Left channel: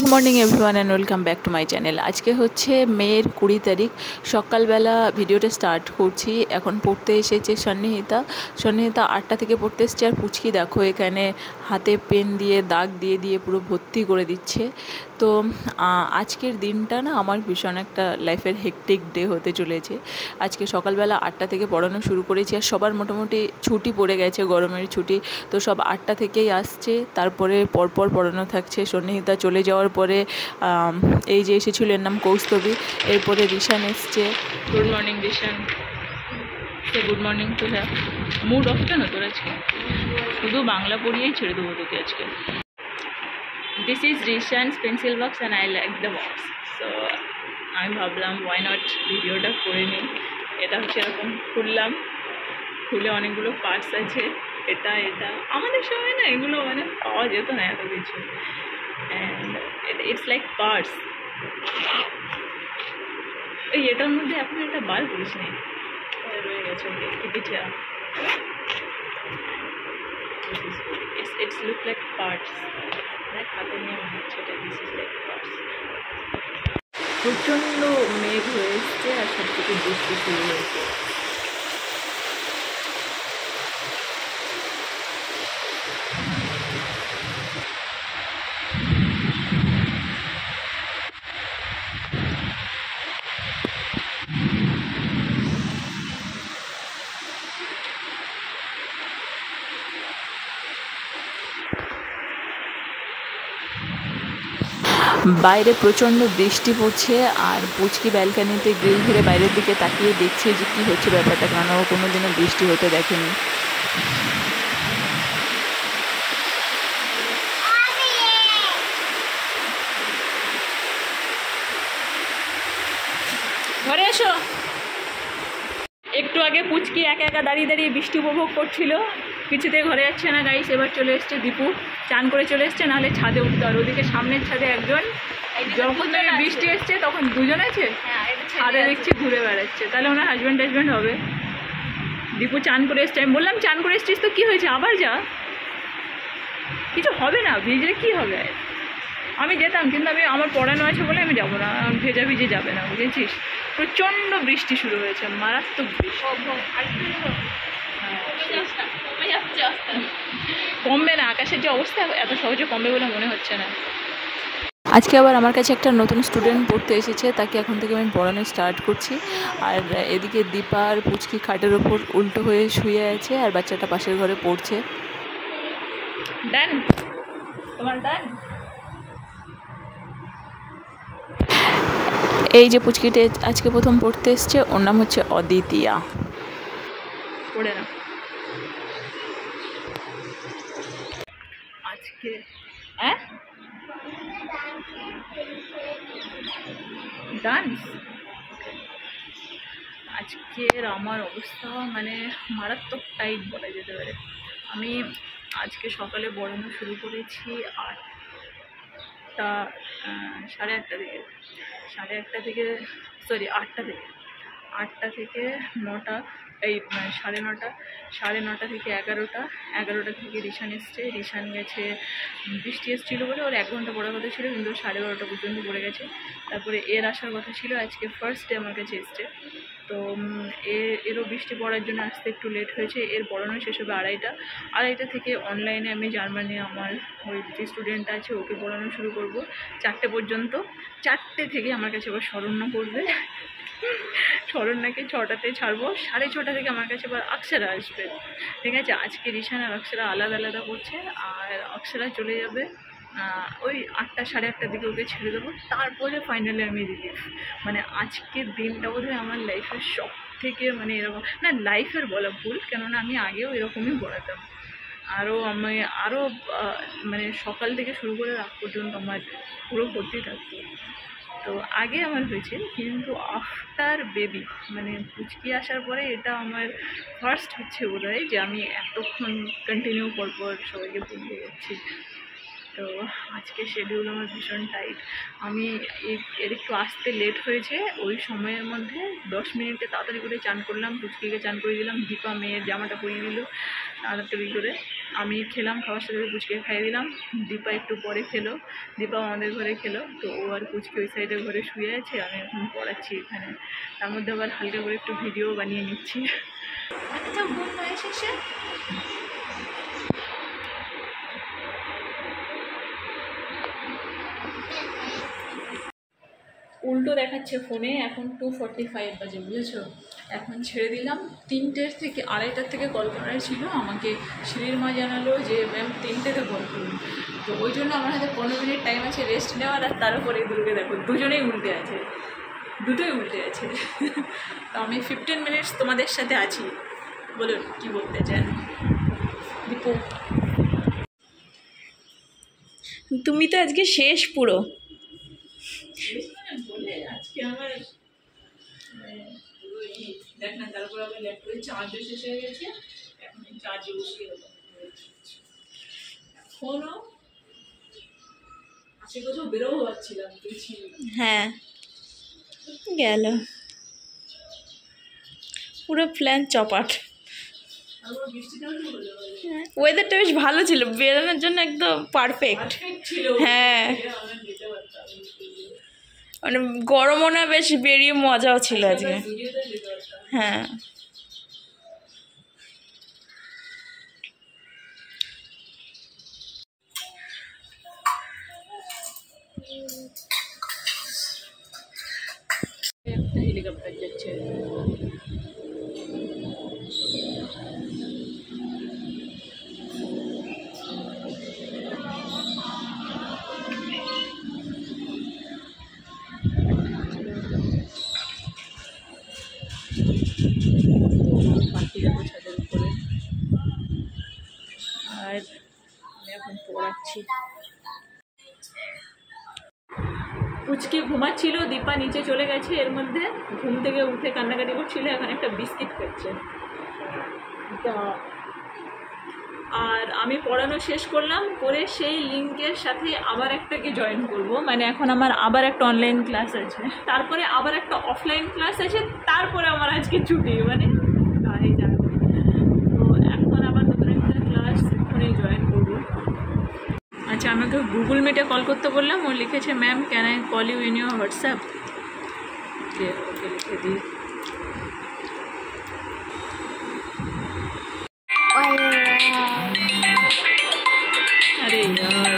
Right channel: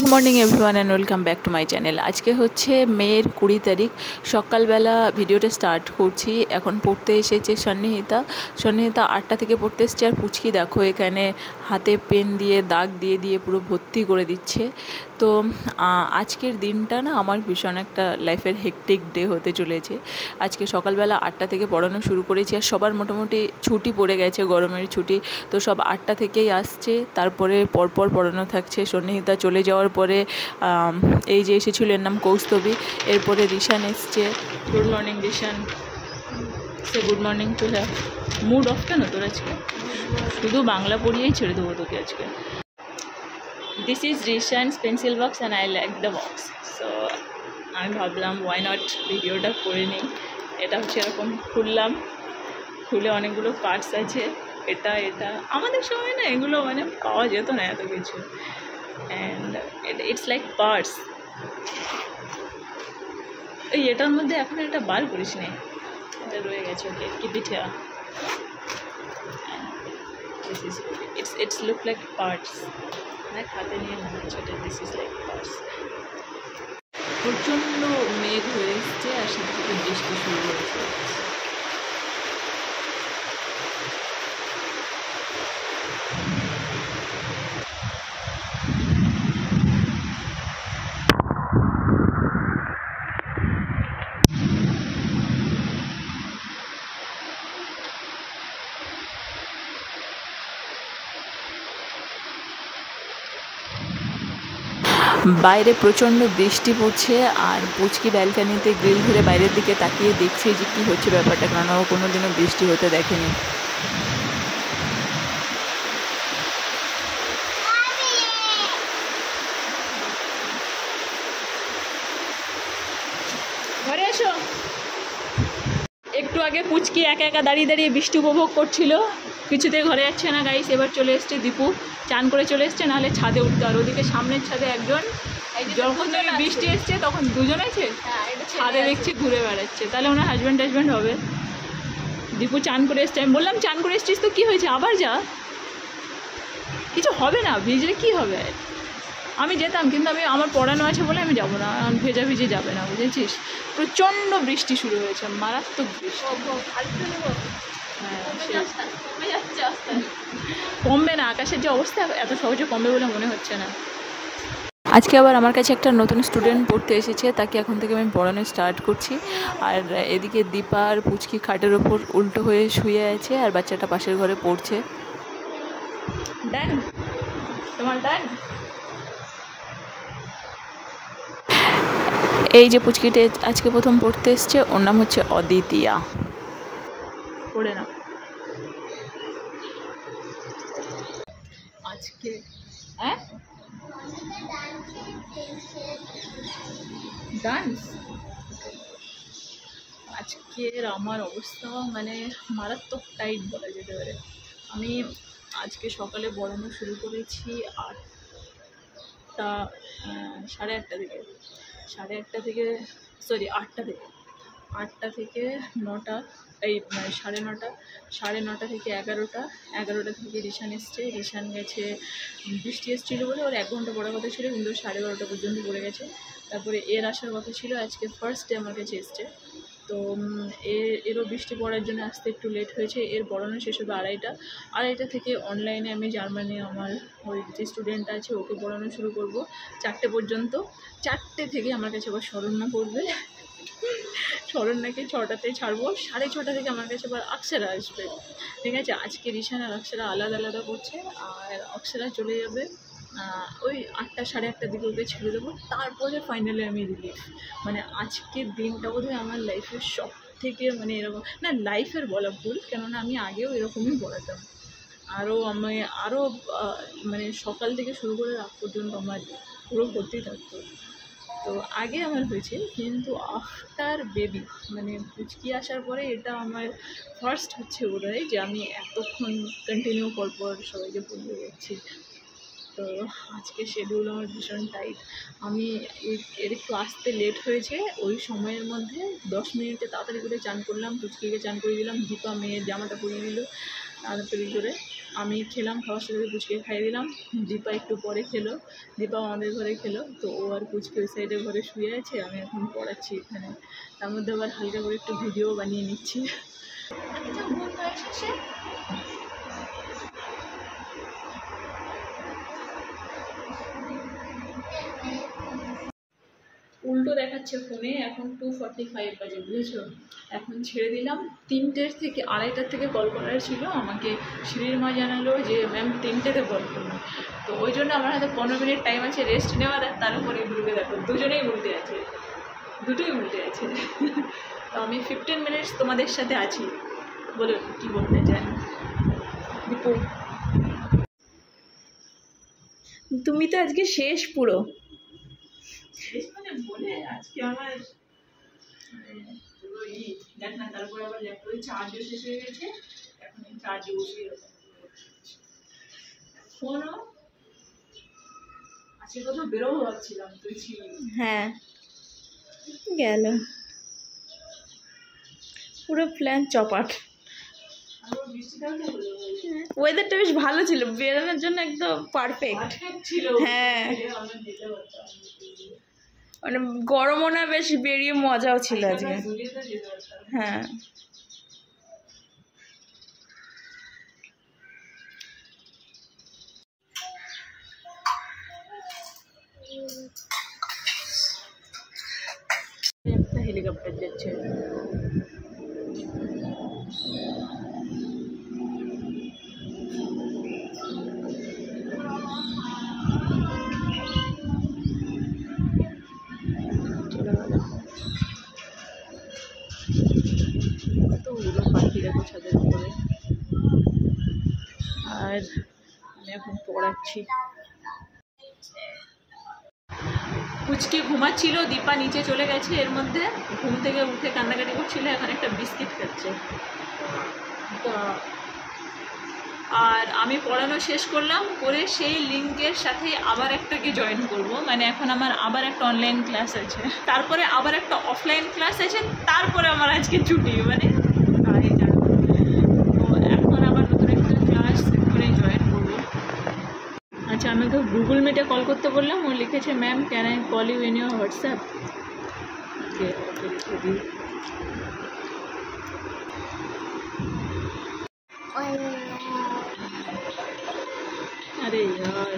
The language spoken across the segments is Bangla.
Good morning everyone and welcome back to my channel. আজকে হচ্ছে মের 20 তারিখ। সকালবেলা ভিডিওটা স্টার্ট করছি। এখন পড়তে এসেছে সন্নিহিতা 8টা থেকে পড়তে এসছে। আর পুচকি দেখো এখানে হাতে পেন দিয়ে দাগ দিয়ে দিয়ে পুরো ভর্তি করে দিচ্ছে। তো আজকের দিনটা না আমার ভীষণ একটা লাইফের হেকটিক ডে হতে চলেছে। আজকে সকালবেলা 8টা থেকে পড়ানো শুরু করেছি, আর সবার মোটামুটি ছুটি পড়ে গেছে, গরমের ছুটি। তো সব 8টা থেকেই আসছে, তারপরে পরপর পড়ানো থাকছে। সন্নিহিতা চলে যাওয়ার পরে এই যে এসেছিল, এর নাম কৌস্তবী, এরপরে রিশান এসছে। Good morning Rishan, say good morning to হ্যাঁ। মুড অফ কেন তোর আজকে? শুধু বাংলা পড়িয়েই ছেড়ে দেবো তোকে আজকে। This is Rishan's pencil box and I like the box. So আমি ভাবলাম ওয়াই নট ভিডিওটা করে নিই। এটা হচ্ছে এরকম খুললাম, খুলে অনেকগুলো পার্টস আছে। এটা আমাদের সময় না এগুলো মানে পাওয়া যেত না এত কিছু। And it's like parts. ওই এটার মধ্যে এখন এটা বার করিস নি, এটা রয়ে গেছে। ওকে keep it here. It's look like parts. দেখ হাতে নিয়ে মনে হচ্ছে এটা দিস ইজ লাইক পার্টস। প্রচণ্ড মেঘ হয়ে এসছে, আর সাথে সাথে বৃষ্টি শুরু হয়েছে। বাইরে প্রচণ্ড বৃষ্টি পড়ছে, আর পুচকি ব্যালকানিতে গ্রিল ধরে বাইরের দিকে তাকিয়ে দেখছে যে কী হচ্ছে ব্যাপারটা, কারণ ও কোনো দিনও বৃষ্টি হতে দেখেনি। ঘরে এসো। একটু আগে পুচকি একা একা দাঁড়িয়ে দাঁড়িয়ে বৃষ্টি উপভোগ করছিল, কিছুতে ঘরে যাচ্ছে না গাইস। এবার চলে এসছে দীপু, চান করে চলে এসছে, নাহলে ছাদে উঠতে। আর ওদিকে সামনের ছাদে একজন, যখন থেকে বৃষ্টি এসছে তখন দুজন আছে ছাদে দেখছি ঘুরে বেড়াচ্ছে। তাহলে ওনার হাজব্যান্ড হবে। দীপু চান করে এসছে, আমি বললাম চান করে এসছিস তো কী হয়েছে, আবার যা, কিছু হবে না, ভিজে কী হবে। আমি যেতাম, কিন্তু আমার পড়ানো আছে বলে আমি যাবো না, ভেজা ভিজে যাবে না, বুঝেছিস। প্রচণ্ড বৃষ্টি শুরু হয়েছে, মারাত্মক বৃষ্টি। কমবে না, আকাশের যে অবস্থা এত সহজে কমবে বলে মনে হচ্ছে না। আজকে আবার আমার কাছে একটা নতুন স্টুডেন্ট পড়তে এসেছে, তাকে এখন থেকে আমি পড়ানো স্টার্ট করছি। আর এদিকে দীপা আর পুচকি খাটের ওপর উল্টো হয়ে শুয়ে আছে, আর বাচ্চাটা পাশের ঘরে পড়ছে। ডান, তোমার ডান। এই যে পুচকিটা আজকে প্রথম পড়তে এসছে, ওর নাম হচ্ছে অদিতিয়া। পড়ে না আজকে ডান্স। আজকের আমার অবস্থা মানে মারাত্মক টাইট বলা যেতে পারে। আমি আজকে সকালে পড়ানো শুরু করেছি 8টা থেকে সরি 8টা থেকে 9টা, এই সাড়ে নটা থেকে 11টা থেকে রিশান এসছে। রিশান গেছে, বৃষ্টি এসেছিলো বলে ওর 1 ঘন্টা পড়ার কথা ছিল, কিন্তু 12:30 পর্যন্ত পড়ে গেছে। তারপরে এর আসার কথা ছিল, আজকে ফার্স্ট ডে আমার কাছে এসছে। তো এরও বৃষ্টি পড়ার জন্য আসতে একটু লেট হয়েছে। এর পড়ানো শেষ হবে 2:30 থেকে অনলাইনে আমি জার্মানি আমার ওই যে স্টুডেন্ট আছে ওকে পড়ানো শুরু করব 4টে পর্যন্ত। 4টে থেকে আমার কাছে আবার শরণ্যা পড়বে। শরণ্যাকে 6টাতে ছাড়বো, 6:30 থেকে আমার কাছে আবার অক্ষরা আসবে। ঠিক আছে, আজকে রিশান আর অক্ষরা আলাদা পড়ছে, আর অক্ষরা চলে যাবে ওই 8টা, 8:30 দিকে ওকে ছেড়ে দেবো। তারপরে ফাইনালি আমি রিলিফ। মানে আজকের দিনটা বোধহয় আমার লাইফের সব থেকে মানে এরকম না, লাইফের বলা ভুল, কেননা আমি আগেও এরকমই পড়াতাম। আরও মানে সকাল থেকে শুরু করে রাত পর্যন্ত আমার পুরো ভর্তি থাকতো। তো আগে আমার হয়েছে, কিন্তু আফটার বেবি মানে পুচকি আসার পরে এটা আমার ফার্স্ট হচ্ছে বোধহয় যে আমি এতক্ষণ কন্টিনিউ পরপর সবাইকে পড়িয়ে যাচ্ছি। তো আজকে শিডিউল আমার ভীষণ টাইট। আমি এর একটু আসতে লেট হয়েছে, ওই সময়ের মধ্যে 10 মিনিটে তাড়াতাড়ি করে চান করলাম, পুচকিকে চান করে দিলাম, দীপা মেয়ের জামাটা পরিয়ে দিল, আলাদা করে আমি খেলাম, খাওয়ার সাথে পুচকে খাইয়ে দিলাম। দীপা একটু পরে খেলো, দীপা আমাদের ঘরে খেলো। তো ও আর পুচকে ওই সাইডে ঘরে শুয়ে আছে, আমি এখন পড়াচ্ছি এখানে। তার মধ্যে আবার হালকা করে একটু ভিডিও বানিয়ে নিচ্ছি। উল্টো দেখাচ্ছে ফোনে, এখন 2:45 বাজে, বুঝেছো? এখন ছেড়ে দিলাম। 3টের থেকে 2:30টার থেকে কল করার ছিল আমাকে। শ্রীর মা জানালো যে ম্যাম 3টেতে কল করুন। তো ওই জন্য আমার হাতে 15 মিনিট টাইম আছে রেস্ট নেওয়ার। আর তার উপরে এগুলোকে দেখো, দুজনেই উল্টে আছে, দুটোই উল্টে আছে। তো আমি 15 মিনিটস তোমাদের সাথে আছি। বলুন কি বলতে চান দীপু? তুমি তো আজকে শেষ পুরো। বলে আজকে আমার দেখ না, তারপর আবার ল্যাপটপে চার্জও শেষ হয়ে গেছে। এখন চার্জে বসিয়ে এখনো আজকে কোথাও বেরোবো ভাবছিলাম, তুই ছিলি। হ্যাঁ গেল, পুরো প্ল্যান চপাট। ওয়েদারটা বেশ ভালো ছিল, বেরোনোর জন্য একদম পারফেক্ট ছিল। হ্যাঁ মানে গরমও না, বেশ বেরিয়ে মজাও ছিল আজকে। হ্যাঁ একটা হেলিকপ্টার যাচ্ছে। কতগুলো পাখি দেখো ছাদের উপরে। আর আমি এখন পড়াচ্ছি। পুচকি ঘুমাচ্ছিল, দীপা নিচে চলে গেছে, এর মধ্যে ঘুম থেকে উঠে কান্নাকাটি করছিল। এখন একটা বিস্কিট খাচ্ছে। আর আমি পড়ানো শেষ করলাম, করে সেই লিঙ্কের সাথে আবার একটাকে জয়েন করব। মানে এখন আমার আবার একটা অনলাইন ক্লাস আছে, তারপরে আবার একটা অফলাইন ক্লাস আছে, তারপরে আমার আজকে ছুটি। মানে তাই জানো। তো এখন আবার নতুন একটা ক্লাস এখানেই জয়েন করবো। আচ্ছা, আমাকে গুগল মিটে কল করতে বললাম, ও লিখেছে ma'am can I call you in your WhatsApp. Okay লিখে দিই। अरे यार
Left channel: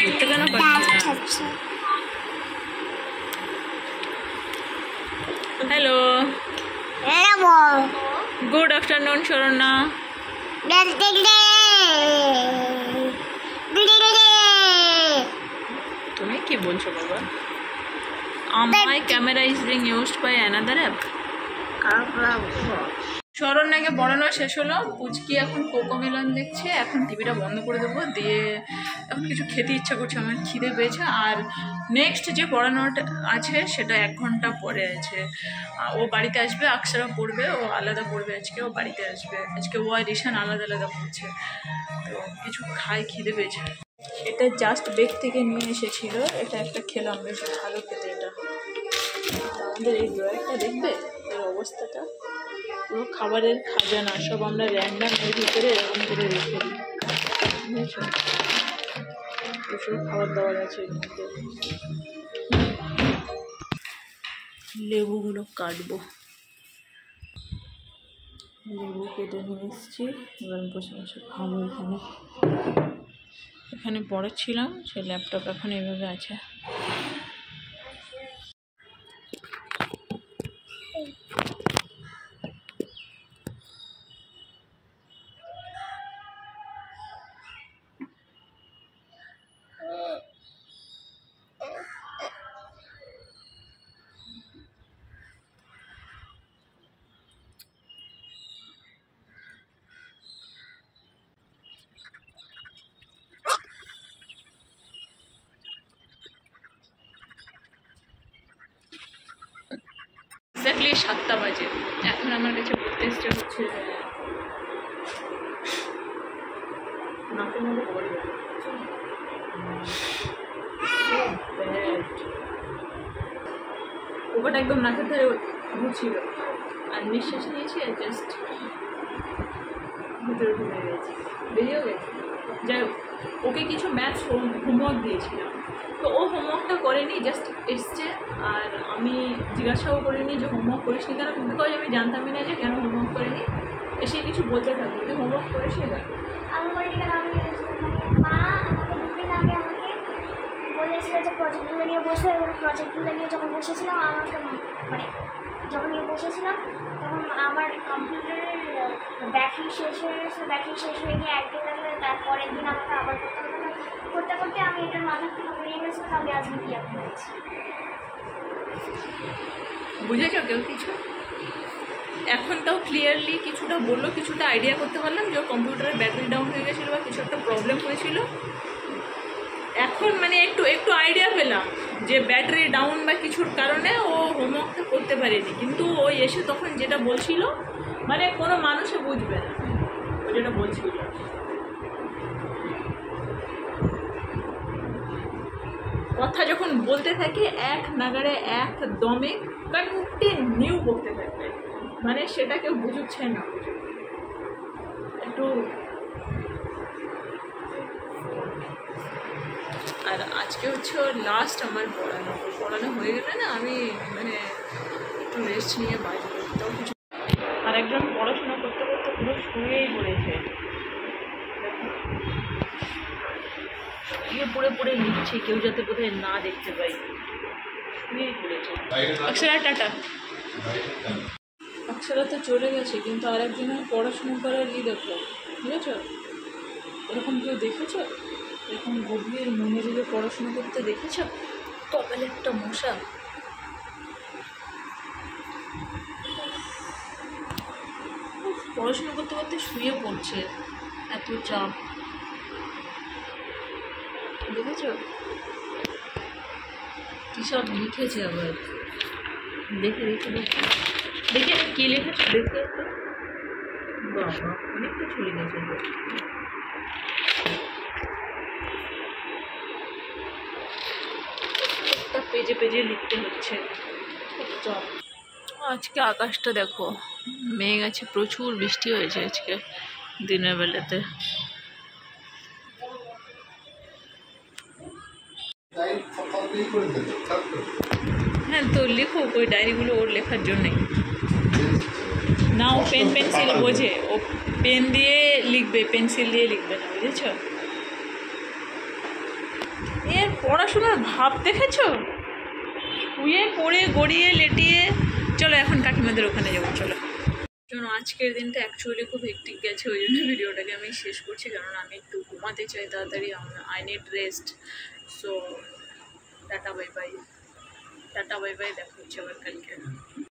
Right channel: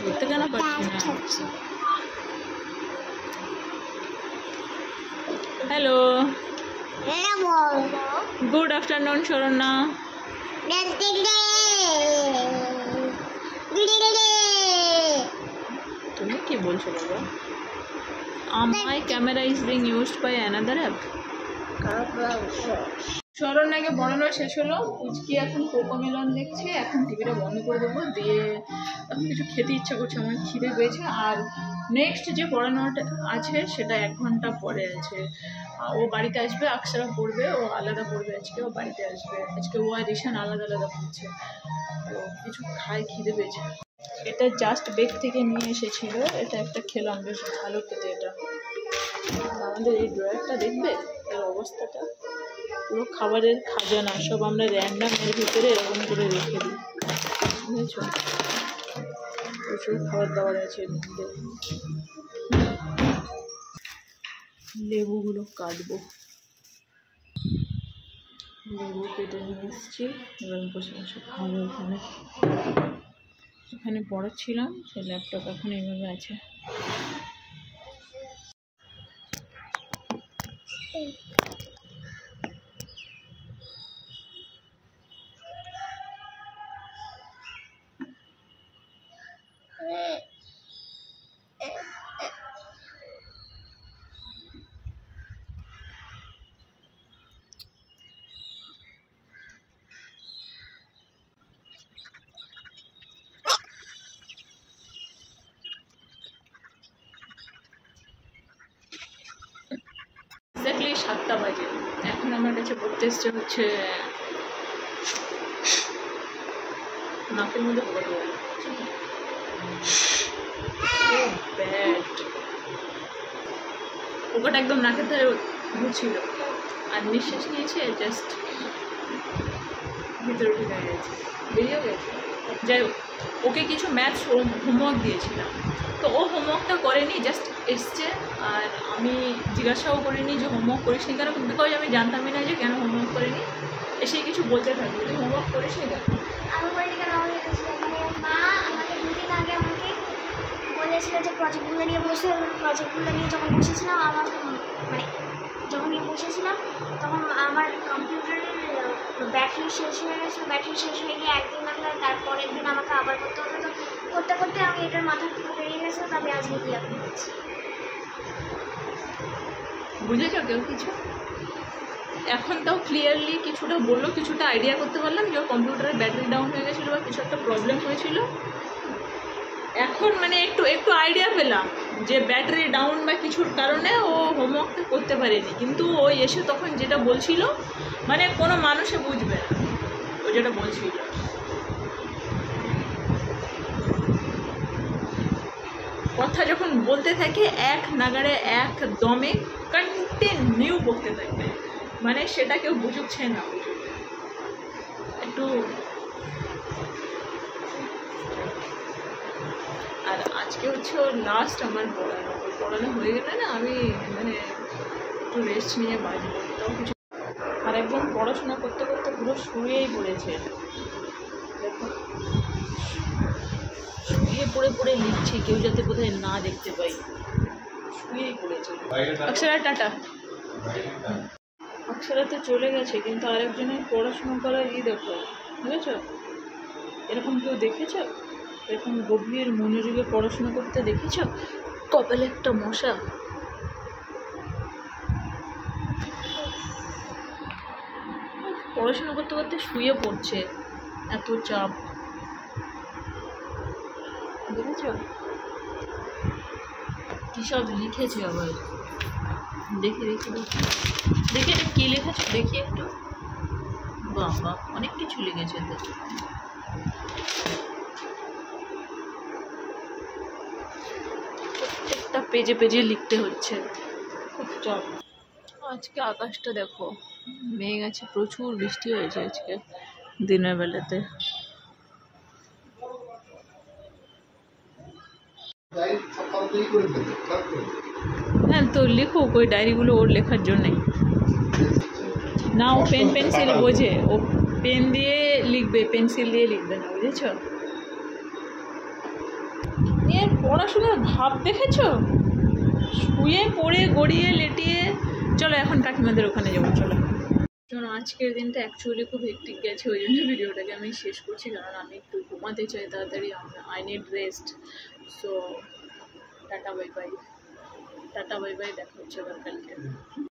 बोलते कहना पड़ता है। Hello good afternoon Sharana. तुम्हें কি বলছো বাবা? My camera is being used by another app. শরণ্যাকে পড়ানো শেষ হলো, পুচকি এখন কোকোমেলন দেখছে। এখন টিভিটা বন্ধ করে দেবো, দিয়ে এখন কিছু খেতে ইচ্ছা করছে, আমার খিদে পেয়েছে। আর নেক্সট যে পড়ানোটা আছে সেটা 1 ঘন্টা পরে আছে। ও বাড়িতে আসবে, আকসারা পড়বে, ও আলাদা পড়বে আজকে, ও বাড়িতে আসবে আজকে। ও আর রিশান আলাদা আলাদা পড়ছে। তো কিছু খাই, খিদে পেয়েছে। এটা জাস্ট বেক থেকে নিয়ে এসেছিল, এটা একটা খেলাম, বেশ ভালো খেতে এটা। আমাদের এই ড্রয়ারটা দেখবে এর অবস্থাটা, পুরো খাবারের খাজানা সব আমরা র্যান্ডাম এর ভিতরে এরকম করে রেখে দিই, বুঝেছো? প্রচুর খাবার দাবার আছে এর মধ্যে। লেবুগুলো কাটবো, লেবু কেটে নিয়ে এসেছি, এবার বসে বসে খাবো। এখানে পড়াচ্ছিলাম, সে ল্যাপটপ এখন এইভাবে আছে। এক্স্যাক্টলি 7টা বাজে। এখন আমার কাছে পড়তে এসছে হচ্ছে নাকের মধ্যে পড়ে গেল। ওটা একদম নাকের ধারে ঘুরছিল, আর নিঃশ্বাস নিয়েছে জাস্ট ভিতরে ঢুকে গেছে, বেরিয়েও গেছে। যাই হোক, ওকে কিছু ম্যাথস হোমওয়ার্ক দিয়েছিলাম, তো ও হোমওয়ার্কটা করেনি, জাস্ট এসছে। আর আমি জিজ্ঞাসাও করিনি যে হোমওয়ার্ক করিস নি কেন, বিকজ আমি জানতামই না যে কেন হোমওয়ার্ক করেনি। এসে কিছু বলতে থাকবে, তুই হোমওয়ার্ক করিস নি কেন? আমি বলি কেন, আমি মানে মা আমাকে 2 দিন আগে আমাকে বলেছিল যে প্রজেক্টগুলো নিয়ে বসে, প্রজেক্টগুলো নিয়ে যখন বসেছিলাম আমাকে মানে যখন নিয়ে বসেছিলাম তখন আমার কম্পিউটারের ব্যাটারি শেষ হয়ে গেছিলো। ব্যাটারি শেষ হয়ে গিয়ে একদিন লাগলো, তারপরের দিন আমাকে আবার করতে হতো। তো করতে করতে আমি এটার মাথার থেকে বেরিয়ে গেছিলো, তো আমি আজকে কি আপনি বলছি। বুঝেছ কেউ কিছু? এখন তাও ক্লিয়ারলি কিছুটা বললো, কিছুটা আইডিয়া করতে পারলাম যে ওর কম্পিউটারের ব্যাটারি ডাউন হয়ে গেছিলো বা কিছু একটা প্রবলেম হয়েছিল। এখন মানে একটু একটু আইডিয়া পেলাম যে ব্যাটারি ডাউন বা কিছুর কারণে ও হোমওয়ার্কটা করতে পারেনি। কিন্তু ও এসে তখন যেটা বলছিল, মানে কোনো মানুষে বুঝবে না ও যেটা বলছিল। কথা যখন বলতে থাকে এক নাগাড়ে এক দমে কন্টিনিউ বলতে থাকে, মানে সেটা কেউ বুঝুচ্ছে না একটু। আর আজকে হচ্ছে লাস্ট আমার পড়ানো হয়ে গেলে না আমি মানে একটু রেস্ট নিয়ে বাজবো, তাও কিছু। আর একজন পড়াশোনা করতে করতে পুরো শুয়েই পড়েছে, দেখো শুয়ে পড়ে পড়ে লিখছে, কেউ যাতে কোথায় না দেখতে পাই, শুয়েই পড়েছে। অক্ষরা টাটা। অক্ষরা তো চলে গেছে, কিন্তু আরেকজনের পড়াশুনো করার দেখো, বুঝেছ? এরকম কেউ দেখেছ? এরকম গভীর মনোযোগে পড়াশুনো করতে দেখেছ? কপালে একটা মশা। পড়াশুনো করতে করতে শুয়ে পড়ছে, এত চাপ। দেখেছ কী সব লিখেছে আবার? দেখে দেখে দেখে দেখে কী লিখেছে দেখি একটু। বাবা অনেক কিছু লিখেছে তো। প্রত্যেকটা পেজে পেজে লিখতে হচ্ছে, খুব চাপ। আজকে আকাশটা দেখো, মেঘ আছে, প্রচুর বৃষ্টি হয়েছে আজকে দিনের বেলাতে। হ্যাঁ তো লিখুক, ওই ডায়েরিগুলো ওর লেখার জন্যে না। ও পেন পেন্সিল বোঝে, ও পেন দিয়ে লিখবে, পেন্সিল দিয়ে লিখবে না, বুঝেছ? এর পড়াশোনার ভাব দেখেছ? শুয়ে পড়ে গড়িয়ে লেটিয়ে। চলো এখন কাকিমাদের ওখানে যাবো, চলো। আজকের দিনটা অ্যাকচুয়ালি খুব হেক্টিক গেছে, ওই জন্য ভিডিওটাকে আমি শেষ করছি, কারণ আমি একটু ঘুমাতে চাই তাড়াতাড়ি। I need rest. So tata bye bye, tata bye bye, দেখা হচ্ছে আবার কালকে।